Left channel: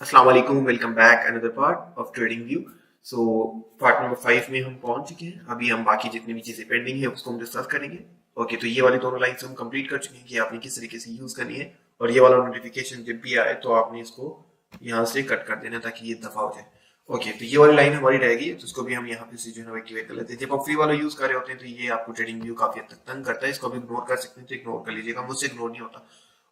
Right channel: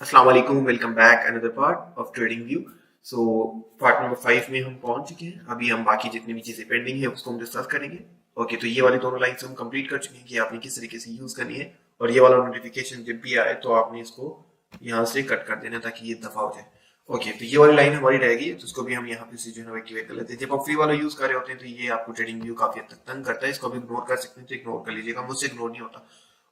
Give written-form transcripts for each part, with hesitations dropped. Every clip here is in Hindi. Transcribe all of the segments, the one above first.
अस्सलाम वालेकुम, welcome back another part of trading view. So part number 5 में हम पहुंच चुके हैं। अभी हम बाकी जितनी भी चीजें पेंडिंग है उसको हम डिस्कस करेंगे। ओके, तो ये वाली दोनों लाइंस हम कंप्लीट कर चुके हैं कि आपने किस तरीके से यूज करनी है। और ये वाला नोटिफिकेशन जब भी आए तो आपने इसको यहाँ से कट कर देना ताकि ये दफा हो जाए। ओके, तो ये वाली लाइन हमारी रहेगी, तो इसको भी हम यहाँ पे से जो है एक्टिवेट कर लेते हैं। जब आप फ्री वाला यूज कर रहे होते हैं तो ये आपको ट्रेडिंग व्यू काफी हद तक तंग करता है। इसको भी इग्नोर कर सकते हैं तो इग्नोर कर लीजिएगा, मुझसे इग्नोर नहीं होता।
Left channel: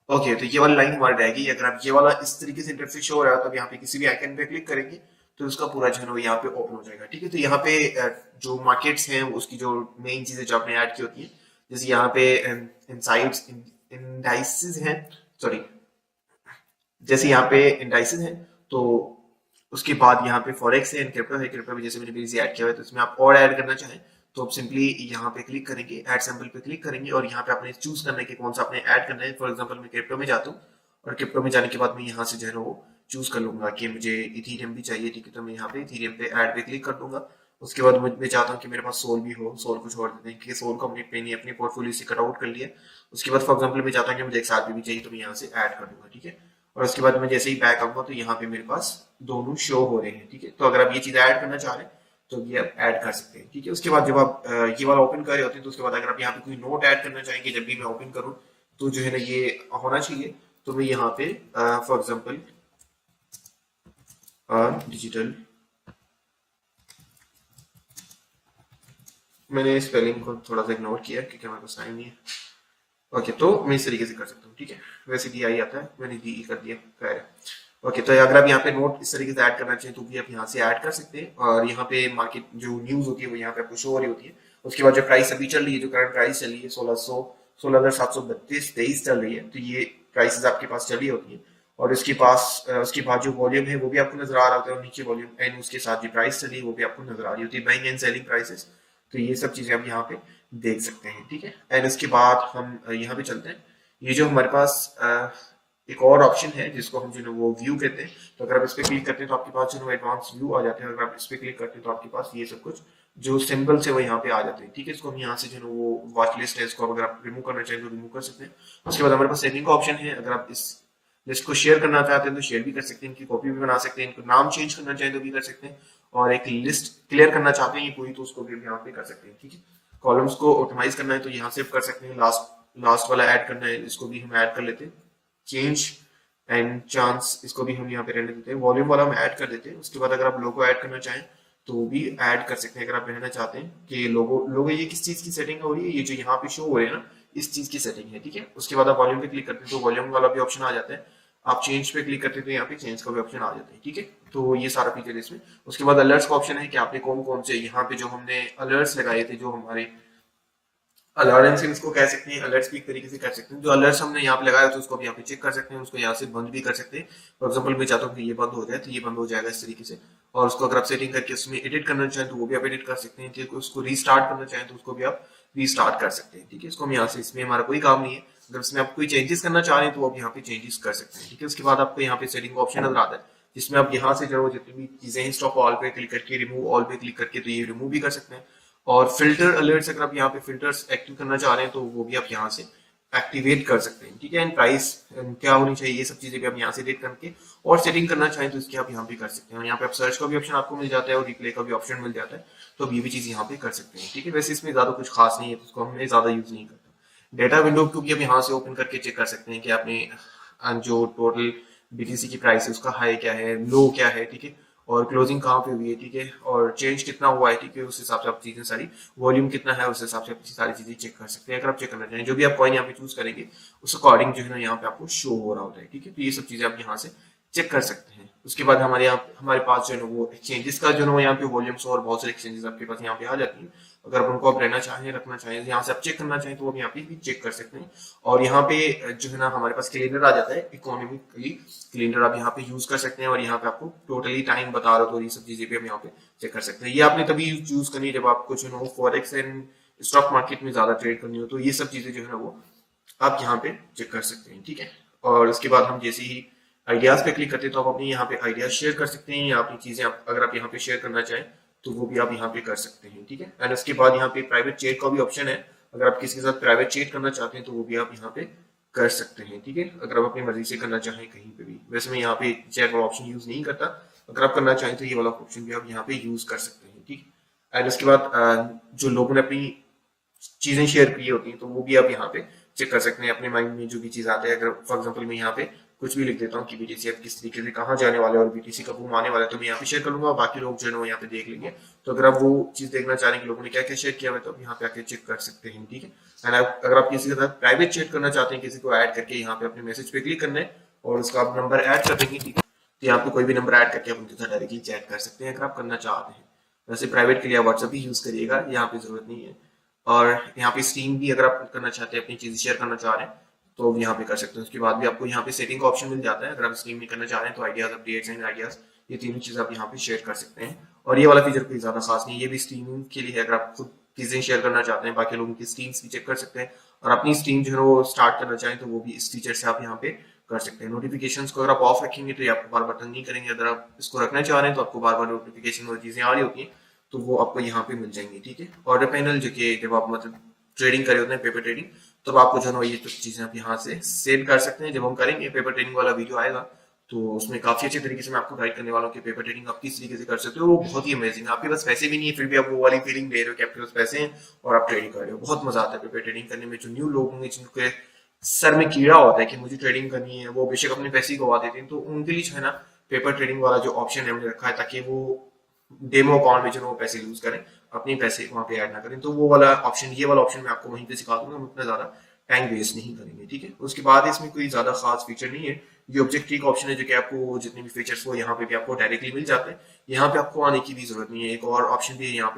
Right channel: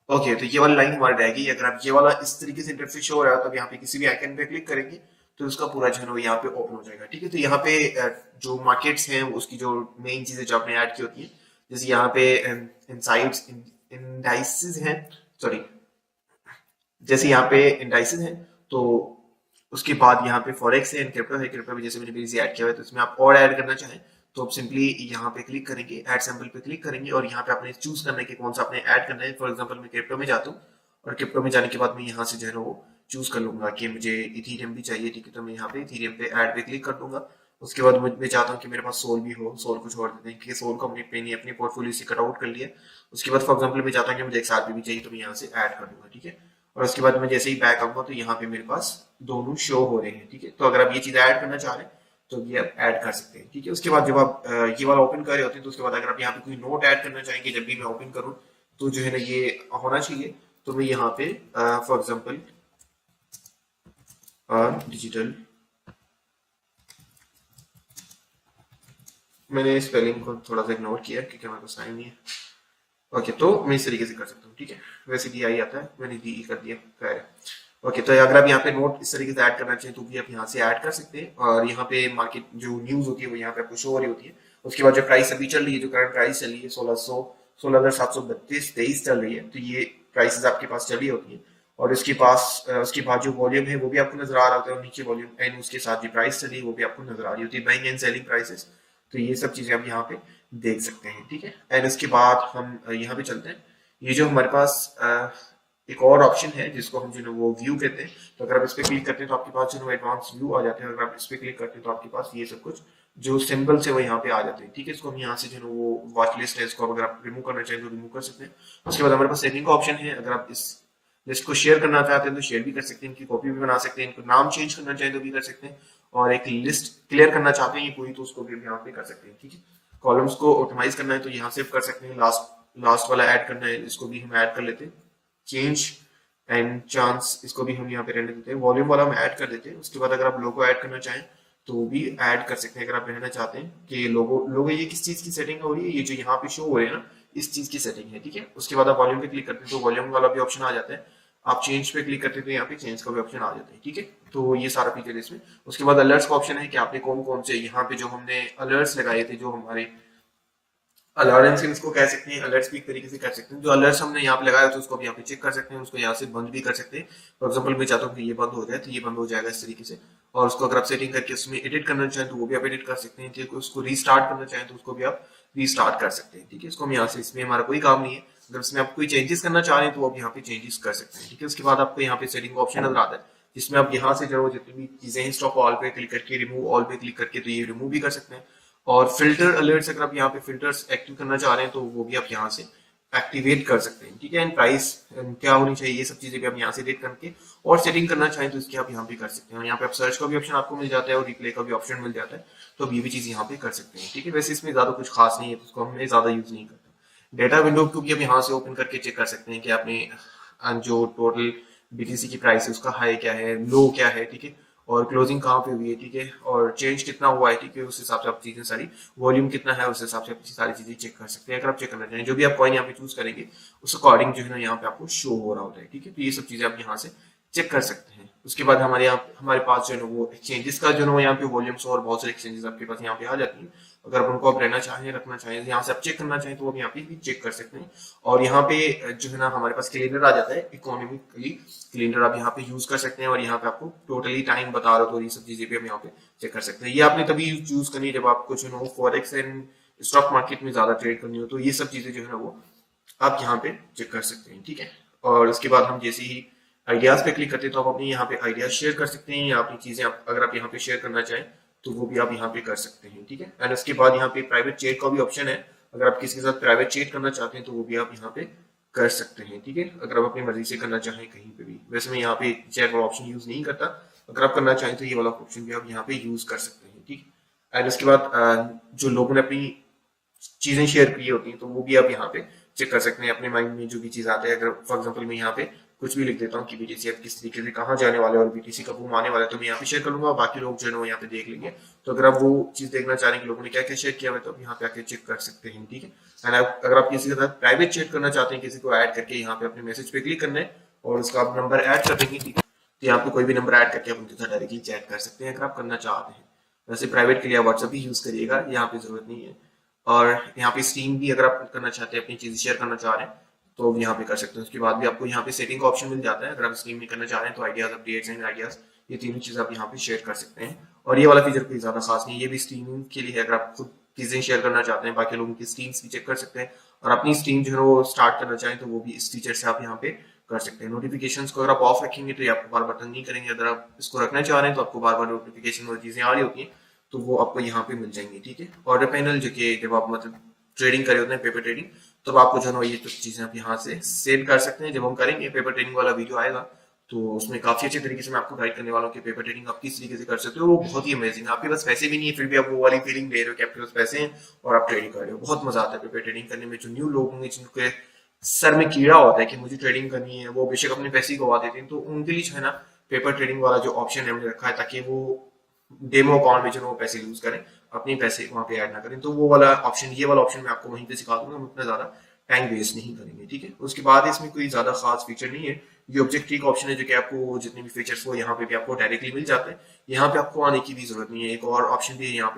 ओके, तो ये वाली लाइन हमारी रहेगी। अगर आप ये वाला इस तरीके से इंटरफेस शो हो रहा है तो आप यहाँ पे किसी भी आइकन पे क्लिक करेंगे तो उसका पूरा जो है वो यहाँ पे ओपन हो जाएगा। ठीक है, तो यहाँ पे जो मार्केट्स हैं उसकी जो मेन चीजें जो आपने ऐड की होती है, जैसे यहाँ पे इनसाइड्स इंडाइसेस हैं, सॉरी, जैसे यहाँ पे इंडाइसेस हैं, तो उसके बाद यहाँ पे फॉरेक्स है, क्रिप्टो है। क्रिप्टो में जैसे मैंने प्रीवियसली ऐड किया हुआ है, तो इसमें आप और ऐड करना चाहें तो आप सिंपली यहाँ पे क्लिक करेंगे, ऐड सैंपल पे क्लिक करेंगे और यहाँ पे आपने चूज करना है कि कौन सा आपने ऐड करना है। फॉर एग्जांपल मैं क्रिप्टो में जाता हूँ और क्रिप्टो में जाने के बाद मैं यहाँ से जो है वो चूज कर लूंगा कि मुझे इथीरियम भी चाहिए। ठीक है, तो मैं यहाँ पे इथीरियम पे ऐड पे क्लिक कर दूंगा। उसके बाद मैं चाहता हूँ कि मेरे पास सोल भी हो, सोल को छोड़ देते हैं क्योंकि सोल को हमने अपनी पोर्टफोलियो से कट आउट कर लिया। उसके बाद फॉर एग्जाम्पल मैं चाहता हूँ कि मुझे एक साथ भी चाहिए, तो मैं यहाँ से ऐड कर दूंगा। ठीक है, और उसके बाद मैं जैसे ही बैक आऊंगा तो यहाँ पे मेरे पास दोनों शो हो रहे हैं। ठीक है, तो अगर आप ये चीज ऐड करना चाह रहे हैं तो ये आप ऐड कर सकते हैं। ठीक है, उसके बाद जब आप ये वाला ओपन कर रहे होते हैं तो उसके बाद अगर आप यहाँ पे कोई नोट ऐड करना चाहेंगे, जब भी मैं ओपन करूँ तो जो है ना ये होना चाहिए। तो मैं यहाँ पे फॉर एग्जाम्पल डिजिटल, मैंने स्पेलिंग को थोड़ा सा इग्नोर किया क्योंकि हमारे पास टाइम नहीं है। ओके, तो मैं इस तरीके से कर सकता हूँ। ठीक है, वैसे डी आई आता है, मैंने डी कर दिया, खैर। ओके, तो अगर आप यहाँ पे नोट इस तरीके से ऐड करना चाहिए तो भी आप यहाँ से ऐड कर सकते हैं। और यहाँ पे मार्केट जो न्यूज होती है वो यहाँ पे आपको शो हो रही होती है। उसके बाद जो प्राइस अभी चल रही है, जो करंट प्राइस चल रही है 16,732 चल रही है, तो ये प्राइसेस आपके पास चली होती है। और उसके बाद जो वॉल्यूम है वो भी आपको नजर आ रहा होता है, नीचे वॉल्यूम एंड उसके साथ जो प्राइस चली वो भी आपको नजर आ रही होती है, बाइंग एंड सेलिंग प्राइसेस। तो ये सब चीजें हम यहाँ पे देख सकते हैं। ठीक है, एंड उसके बाद हम यहाँ पे चलते हैं। ये जो हमारे पास एक और ऑप्शन है जिसको हम जो है वो व्यू कहते हैं, तो अगर आप इस पे क्लिक करते हैं तो आपके पास जो है एडवांस व्यू आ जाते हैं। अगर आप इस पे क्लिक करते हैं तो आपके पास ये सब कुछ जो सिंबल्स है वो यहाँ पे आ जाते हैं। ठीक है, इसको हम यहाँ से जो है वो वॉच लिस्ट है, इसको अगर आप रिमूव करना चाहें तो रिमूव कर सकते हैं। उसके बाद हमारे पास सेटिंग का ऑप्शन है। अगर आप इस लिस्ट को शेयर करना चाहते हैं तो शेयर भी कर सकते हैं, इनकी कॉपी भी बना सकते हैं, इनको नाम चेंज करना चाहें तो भी कर सकते हैं, और एक लिस्ट क्लियर करना चाहते हैं ये पूरी तो उसको भी यहाँ पे कर सकते हैं। ठीक है, कॉलम्स को ऑटोमाइज करना है तो यहाँ से कर सकते हैं। लास्ट लास्ट वाला ऐड करना है, इसको भी हम ऐड कर लेते हैं। चेंज एंड चांस, इसको भी हम यहाँ पे रहने देते हैं। वॉल्यूम वाला हम ऐड कर देते हैं। उसके बाद अगर आप लोगो ऐड करना चाहें तो वो भी ऐड कर सकते हैं। अगर आप रहना चाहते हैं कि लोगो लोगो ये किस चीज की सेटिंग हो रही है, ये जो यहाँ पे शो हो रहे हैं ना, इस चीज की सेटिंग है। ठीक है, उसके बाद आप वॉल्यूम पे क्लिक करते हैं तो वॉल्यूम वाला भी ऑप्शन आ जाता है। आप चेंज पे क्लिक करते हैं तो यहाँ पे चेंज का भी ऑप्शन आ जाता है। ठीक है, तो ये सारा फीचर इसमें। उसके बाद अलर्ट्स का ऑप्शन है कि आपने कौन कौन से यहाँ पे जो हमने अलर्ट्स लगाए थे, जो हमारे अलार्म्स हैं उसको कह सकते हैं, अलर्ट्स भी एक तरीके से कर सकते हैं। जो अलर्ट्स हमने यहाँ पे लगाया तो उसको भी यहाँ पे चेक कर सकते हैं, उसको यहाँ से बंद भी कर सकते हैं। फॉर एग्जाम्पल मैं चाहता हूँ कि ये बंद हो जाए तो ये बंद हो जाएगा इस तरीके से। और उसको अगर आप सेटिंग करके उसमें एडिट करना चाहें तो वो भी आप एडिट कर सकते हैं। ठीक है, उसको रीस्टार्ट करना चाहें तो उसको भी आप रीस्टार्ट कर सकते हैं। ठीक है, इसको हम यहाँ से, इसमें हमारा कोई काम नहीं है। जब इसमें आप कोई चेंजेस करना चाह रहे हैं तो आप यहाँ पे चेंजेस कर सकते हैं। ठीक है, उसके बाद आपको यहाँ पे सेटिंग का ऑप्शन नजर आता है जिसमें आप यहाँ से जो जितनी भी चीजें हैं स्टॉप ऑल पे क्लिक करके, रिमूव ऑल पे क्लिक करके तो ये रिमूव भी कर सकते हैं। और फिल्टर अलर्ट्स, अगर आप यहाँ पे फिल्टर्स एक्टिव करना चाह रहे हैं तो वो भी आप यहाँ से एक्टिवेट कर सकते हैं। ठीक है, एंड प्राइस क्या होनी चाहिए ये सब चीजें भी आप यहाँ से देख करके और सेटिंग करना चाहिए तो इसकी आप यहाँ पे कर सकते हैं। यहाँ पे आप सर्च का भी ऑप्शन आपको मिल जाता है और रिप्ले का भी ऑप्शन मिल जाता है, तो अब ये भी चीज यहाँ पे कर सकते हैं। ठीक है, वैसे इसमें ज्यादा कुछ खास नहीं है, तो उसको हमने ज्यादा यूज नहीं करते। डेटा विंडो को भी आप यहाँ से ओपन करके चेक कर सकते हैं कि आपने जो टोटल बीटीसी की प्राइस है उसका हाई क्या है, लो क्या है। ठीक है, और क्लोजिंग कहाँ पे हुई है। ठीक है, और चेंज कितना हुआ है। ठीक है, उस हिसाब से आप चीजें सारी, वॉल्यूम कितना है उस हिसाब से आप सारी चीजें चेक कर सकते हैं। अगर आप चेक करना चाहें जो भी आप कॉइन यहाँ पे चूज करेंगे उस अकॉर्डिंग जो है ना यहाँ पे आपको शो हो रहा होता है। ठीक है, तो ये सब चीजें आप यहाँ से चेक कर सकते हैं। उसके बाद हमारे पास जो है ना वो एक्सचेंजेस का जो है ना यहाँ पे वॉल्यूम्स और बहुत सारे एक्सचेंजेस आपके पास यहाँ पे आ जाती हैं। अगर आप उनको आप रहना चाहें, रखना चाहें, यहाँ से आप चेक करना चाहें तो वो यहाँ पे भी चेक कर सकते हैं। और यहाँ पे जो है ना हमारे पास कैलेंडर आ जाता है, इकोनॉमिकली कैलेंडर आप यहाँ पे यूज कर सकते हैं और यहाँ पे आपको टोटली टाइम बता रहा तो ये सब चीजें भी हम यहाँ पे चेक कर सकते हैं। ये आपने तभी यूज करनी जब आपको जो है फॉरेक्स एंड स्टॉक मार्केट में ज्यादा ट्रेड करनी हो, तो ये सब चीजें जो है वो आप यहाँ पे चेक कर सकते हैं। ठीक है, और उसके बाद हम जैसे ही आइडियाज पे क्लिक करते हैं तो आप अपने यहाँ पे आइडियाज शेयर कर सकते हैं, या अपनी चीजें अगर आप यहाँ पे शेयर करना चाहें तो वो भी आप यहाँ पे कर सकते हैं। ठीक है, एंड इसके बाद यहाँ पे प्राइवेट चैट का भी ऑप्शन है। अगर आप किसी के साथ प्राइवेट चैट करना चाहते हैं तो वो भी आप यहाँ पे कर सकते हैं, ठीक है, अगर आप अपनी मर्जी से करना चाहें कहीं पे भी। वैसे मैं यहाँ पे चैट वाला ऑप्शन यूज नहीं करता, अगर आप करना चाहें तो ये वाला ऑप्शन भी आप यहाँ पे यूज कर सकते हैं, ठीक है। और इसके बाद जो लोगों ने अपनी चीजें शेयर की होती हैं तो वो भी आप यहाँ पे चेक कर सकते हैं, अपने माइंड में जो भी चीज आते हैं। अगर फॉर एग्जांपल मैं यहाँ पे कुछ भी लिख देता हूँ कि बीटीसी अब किस तरीके से कहाँ जाने वाले हैं, बीटीसी कब वो आने वाला है, तो मैं यहाँ पे शेयर करूंगा, बाकी लोग जो है वो यहाँ पे देख लेंगे। तो अगर आप वो चीज देखना चाह रहे हैं कि लोगों ने क्या क्या शेयर किया है तो आप यहाँ पे आके चेक कर सकते हैं, ठीक है। अगर आप किसी के साथ प्राइवेट चैट करना चाहते हैं, किसी को ऐड करके यहाँ पे अपने मैसेज पे क्लिक करना है और उसका नंबर ऐड कर देंगे, तो यहाँ पे कोई भी नंबर ऐड करके आप उनके साथ डायरेक्टली चैट कर सकते हैं अगर आप करना चाहते हैं। वैसे प्राइवेट के लिए व्हाट्सएप ही यूज करिएगा, यहाँ पे जरूरत नहीं है। और यहाँ पे स्ट्रीम भी अगर आप करना चाहते हैं, अपनी चीजें शेयर करना चाह रहे हैं तो यहाँ पे कर सकते हैं। उसके बाद भी आपको यहाँ पे सेटिंग का ऑप्शन मिल जाता है, अगर आप स्ट्रीम में करना चाह रहे हैं तो आइडियाज, अपडेट्स एंड आइडियाज, ये तीनों चीज आप यहाँ पे शेयर कर सकते हैं। और ये वाला फीचर कोई ज्यादा खास नहीं है, ये भी स्ट्रीमिंग के लिए है, अगर आप खुद चीजें शेयर करना चाहते हैं बाकी लोगों की स्ट्रीम्स भी चेक कर सकते हैं और अपनी स्ट्रीम जो है वो स्टार्ट करना चाहें तो वो भी इस फीचर से आप यहाँ पे कर सकते हैं। नोटिफिकेशंस को अगर आप ऑफ रखेंगे तो ये आपको बार बार तंग नहीं करेंगे, अगर आप इसको रखना चाह रहे हैं तो आपको बार बार नोटिफिकेशन और चीजें आ रही होती हैं तो वो आपको यहाँ पे मिल जाएंगी, ठीक है। ऑर्डर पैनल जो कि जब आप मतलब ट्रेडिंग कर रहे होते हैं, पेपर ट्रेडिंग, तब आपको जो है ये तो चीजें आप यहाँ से सेव कर सकते हैं। जब हम करेंगे पेपर ट्रेडिंग वाला वीडियो आएगा तो उसमें काफी अच्छे तरीके से मैं आपको गाइड करने वाला हूँ कि पेपर ट्रेडिंग आप किस तरीके से कर सकते हो, वो बहुत ही अमेजिंग है। आपके पास पैसे भी नहीं है फिर भी आप वो वाली फीलिंग ले रहे हो कि आपके पास पैसे हैं और आप ट्रेडिंग कर रहे हो, बहुत मजा आता है पेपर ट्रेडिंग करने में। जो न्यू लोग होंगे जिनके सर में कीड़ा होता है कि मुझे ट्रेडिंग करनी है, वो बेशक अपने पैसे ही गवा देते हैं, तो उनके लिए जो है ना पेपर ट्रेडिंग वाला जो ऑप्शन हमने रखा ताकि वो डेमो अकाउंट में जो वो पैसे यूज करें, अपने पैसे वहां पे ऐड ना करें, तो वो वाला ऑप्शन, ये वाला ऑप्शन मैं आपको वहीं पे सिखा दूंगा, हम उतना ज्यादा टाइम वेस्ट नहीं करेंगे, ठीक है। उसके बाद इसमें कोई ज्यादा खास फीचर नहीं है। ये ऑब्जेक्ट ट्री का ऑप्शन है जो कि आपको जितने भी फीचर्स हो यहाँ पे भी आपको डायरेक्टली मिल जाते हैं, यहाँ पे आपको आने की भी जरूरत नहीं है। एक और ऑप्शन भी है यहाँ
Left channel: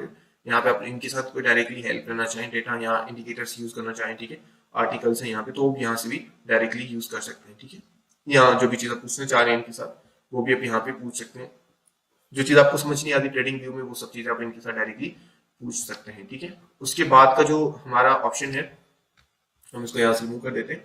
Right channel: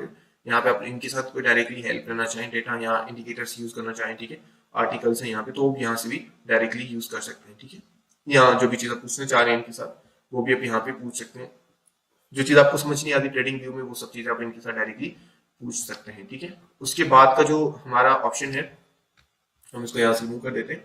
पे आप इनके साथ कोई डायरेक्टली हेल्प करना चाहें, डेटा या इंडिकेटर्स यूज करना चाहें, ठीक है, आर्टिकल्स हैं यहाँ पे, तो यहाँ से भी डायरेक्टली यूज कर सकते हैं, ठीक है। या जो भी चीज आप पूछना चाह रहे हैं इनके साथ वो भी आप यहाँ पे पूछ सकते हैं। जो चीज आपको समझ नहीं आती ट्रेडिंग व्यू में वो सब चीज आप इनके साथ डायरेक्टली पूछ सकते हैं, ठीक है। उसके बाद का जो हमारा ऑप्शन है हम इसको यहाँ से रिमूव कर देते हैं।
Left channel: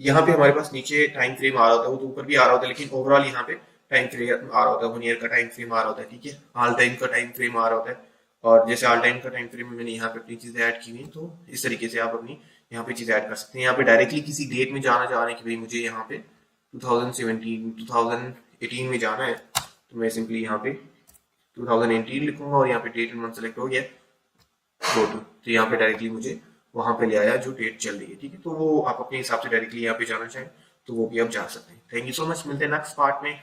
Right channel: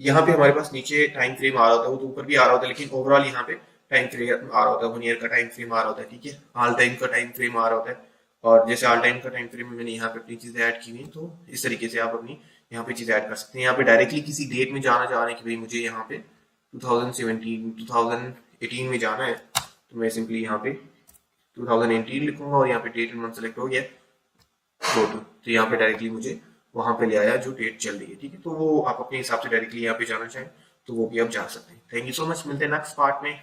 यहाँ पे हमारे पास नीचे टाइम फ्रेम आ रहा होता है, वो तो ऊपर भी आ रहा होता है लेकिन ओवरऑल यहाँ पे टाइम फ्रेम आ रहा होता है, 1 ईयर का टाइम फ्रेम आ रहा होता है, ठीक है, ऑल टाइम का टाइम फ्रेम आ रहा होता है। और जैसे ऑल टाइम का टाइम फ्रेम में मैंने यहाँ पे अपनी चीजें ऐड की हैं तो इस तरीके से आप अपनी यहाँ पे चीजें ऐड कर सकते हैं। यहाँ पे डायरेक्टली किसी डेट में जाना चाह रहे हैं कि भाई मुझे यहाँ पे 2017 2018 में जाना है, तो मैं सिंपली यहाँ पे 2018 लिखूंगा और यहाँ पे डेट एंड मंथ सेलेक्ट हो गया तो यहाँ पे डायरेक्टली मुझे वहां पे ले आया जो डेट चल रही है, ठीक है। तो वो आप अपने हिसाब से डायरेक्टली यहाँ पे जाना चाहें तो वो भी आप जा सकते हैं। थैंक यू सो मच, मिलते हैं नेक्स्ट पार्ट में।